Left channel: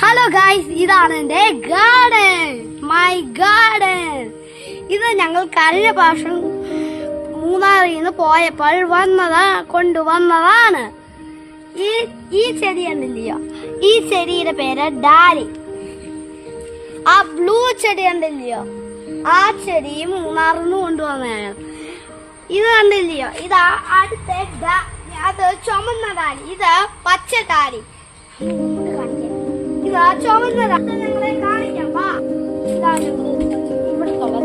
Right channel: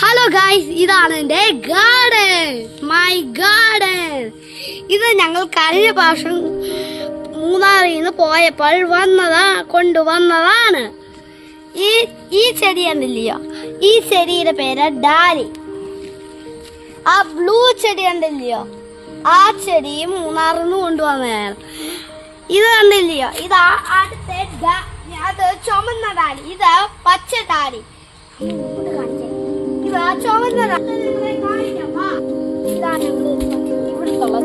Hello guys ഇതാണ് എന്റെ garden my garden ഇത് ഞങ്ങൾ കഴിഞ്ഞ പ്രാവശ്യം മൂന്നാറിൽ നിന്ന് പോയപ്പോൾ വന്നതാ കൊണ്ടുവന്നതാണ്. ഈ ഈ ചെടി എന്തില്ലയോ ഈ ചെടിയുടെ പേര് ഡാലി. ആ ബ്ലൂ ചെടി കണ്ടില്ലയോ? ആ ചെടി മൂന്നാറിൽ നിന്ന് കൊണ്ടുവന്നതാണ്. ഇത് കണ്ടില്ലയോ? ഇതാ അടുത്ത അത് ചുമന്ന ഡാലി. ഇത് പച്ച ഡാലി. ഇതാ ചുവന്ന ഡാലി ഞങ്ങളെ കാണിക്കാം. വാ. ഇതാ ഞങ്ങൾ. ഇവിടുത്തുള്ള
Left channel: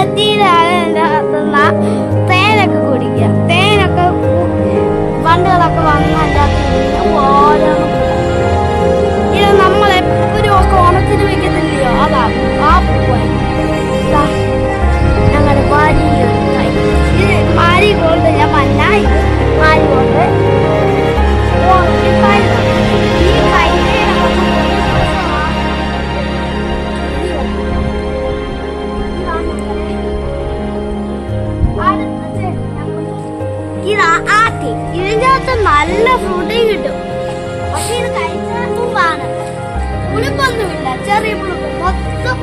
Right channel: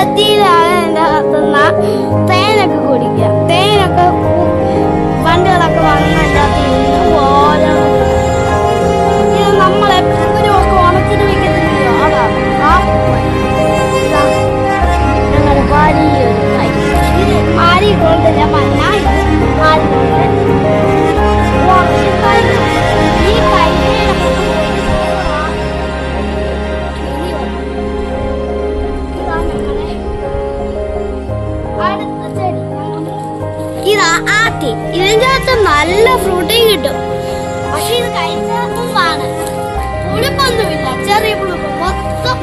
അകത്തുനിന്ന് തേനൊക്കെ കുടിക്കുക. തേനൊക്കെ വണ്ടുകളൊക്കെ വന്ന് ഇതാ ആട്ടി ഇതിന്റെ അകത്ത് നല്ല ഫ്രൂട്ടിങ് കിട്ടും. പക്ഷെ ഇത് കഴിച്ചാൽ പൂവാണ്. പുളിപ്പൊന്നുമില്ല ചെറിയ പുളിപ്പ്. മൊത്തം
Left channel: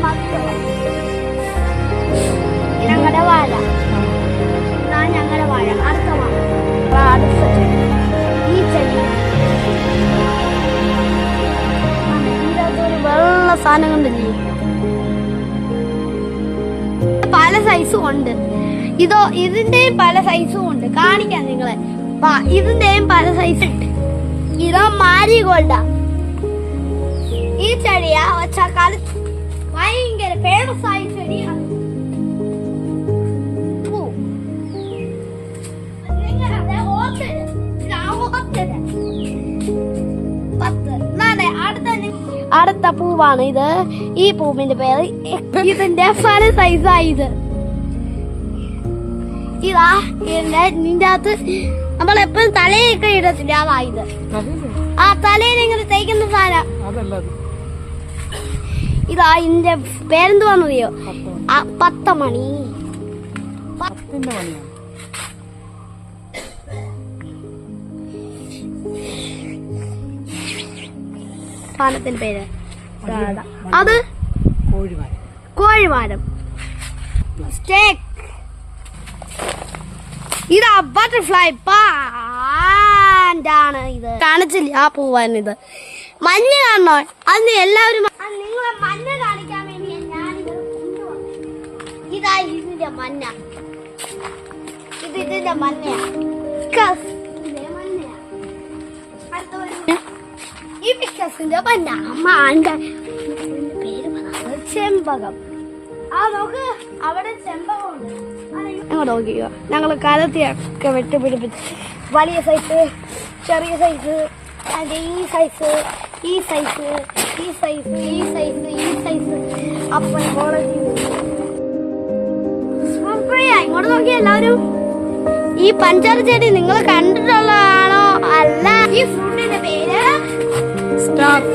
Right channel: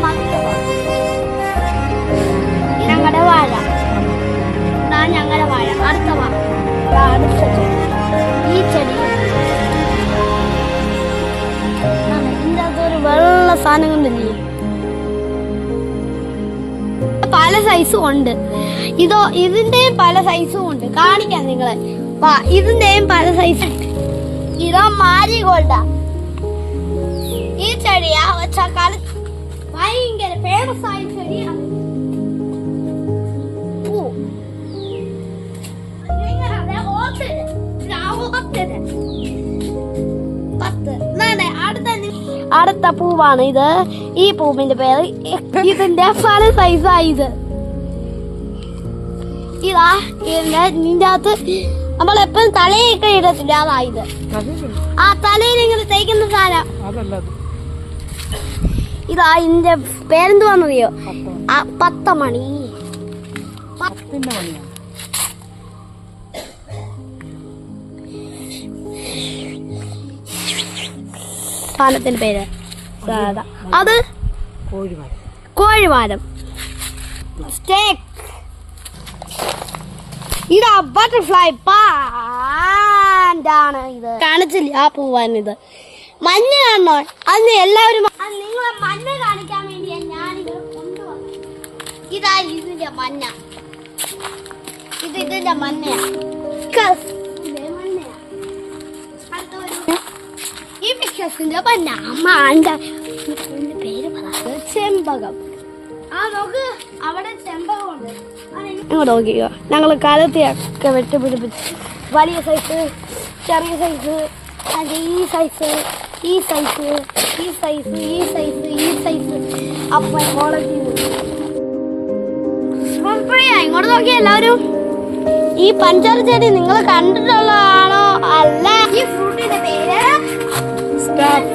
ഞങ്ങളുടെ വാഴ. ഞങ്ങളുടെ വാഴ. അടുത്ത വാഴ ഈ ചെടി. ആണ്. ഇതിന്റെ അകത്ത് ഒരു വെള്ള സാധനം കണ്ടില്ലേ? സൈസും ഉണ്ട് ഇതോ ഇതിന്റെയും പല സൈസും ഉണ്ട് കാണിക്കാം നിങ്ങളെ. ഇതിന്റെയും പല സൈസ് ഉണ്ട്. ഇതോ മാരി ഗോൾഡാ. ഈ ചെടിയാ ഒച്ചക്കാലത്ത് ഭയങ്കര ഫേമസ് ആയ ചെടിയാണ് അടുത്ത പൂവാണ് ഇത്. ഈ പൂവിന്റെ പേര് ഇതിന്റെ പല സൈസായി ഇത് നിന്റെ അകത്ത് നമ്മളെപ്പോഴും തലയൊക്കെ ഇടത്തില്ല അതാ ഇത്. ആ തലയിൽ ഇങ്ങനെ തേക്കുന്ന സാധനം. ഇതാ ഇതിന്റെ പേരെന്തുവാന്നറിയോ പത്ത് മണി സാധനത്തിന്റെ പേര്. അത് കോഴിമാര് കോഴിമാരം സ്റ്റേക്ക് ഇതാ ബട്ടർഫ്ലൈ പാണ്ടാണ് ഇത്. കാണിച്ചില്ല? ആ പൂവാൻ ഇത്. മഞ്ഞ കാണണോ. അന്ന് എല്ലാവരും നിങ്ങളെ മഞ്ഞ കാണിക്കാൻ വേണ്ടിയാ ഞാനിത് ഇതാ ഇതിന്റെ മഞ്ഞ. ഇത് ഇതിന്റെ മഞ്ഞയാ. ഈ പിക്കസിന്റെ മഞ്ഞ. അമ്മ പേര് ചെമ്പകം. ആ നോക്ക്. അവിടെ ചെമ്പകമുണ്ട്. അങ്ങോട്ട് നോക്കിക്കോ. ഞങ്ങൾ കാലത്തെയൊക്കെ വെട്ടുപിടിപ്പിച്ച് വലിയ സൈസ് ചെറിയ സൈസ് അതിന്റെ ഈ സൈസ് ഈ സൈസ് ഈ സൈസ് ഈ സൈസ് ഈ സൈസ് അപ്പോൾ ക്വാളിറ്റി ഇങ്ങോട്ട് നോക്കി എല്ലാവരും. ഈ പഞ്ചാര ചെടി നിങ്ങൾ കണ്ടിട്ടുള്ളതാണോ? അല്ല. ഈ ഫ്രൂട്ടിന്റെ പേര്? സ്റ്റാപ്പ്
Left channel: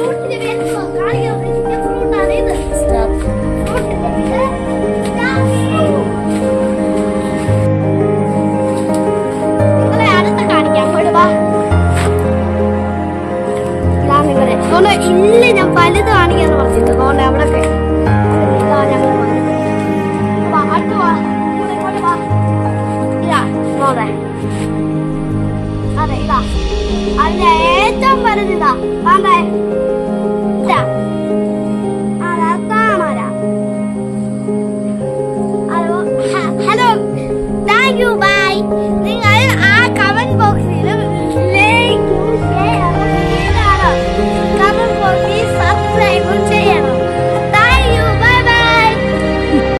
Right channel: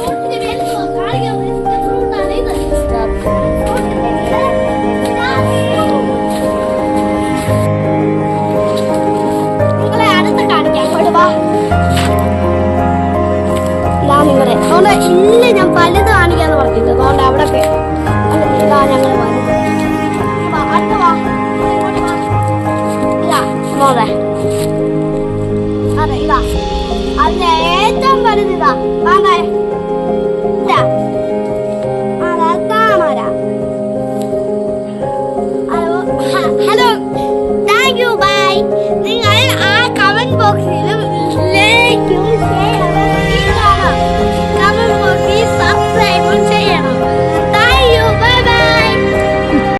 അതുകൊണ്ട് ഇന്ന് ഞാൻ പലത് കാണിക്കാന്ന് പറഞ്ഞിട്ട്. അതുകൊണ്ട് അവിടെയൊക്കെ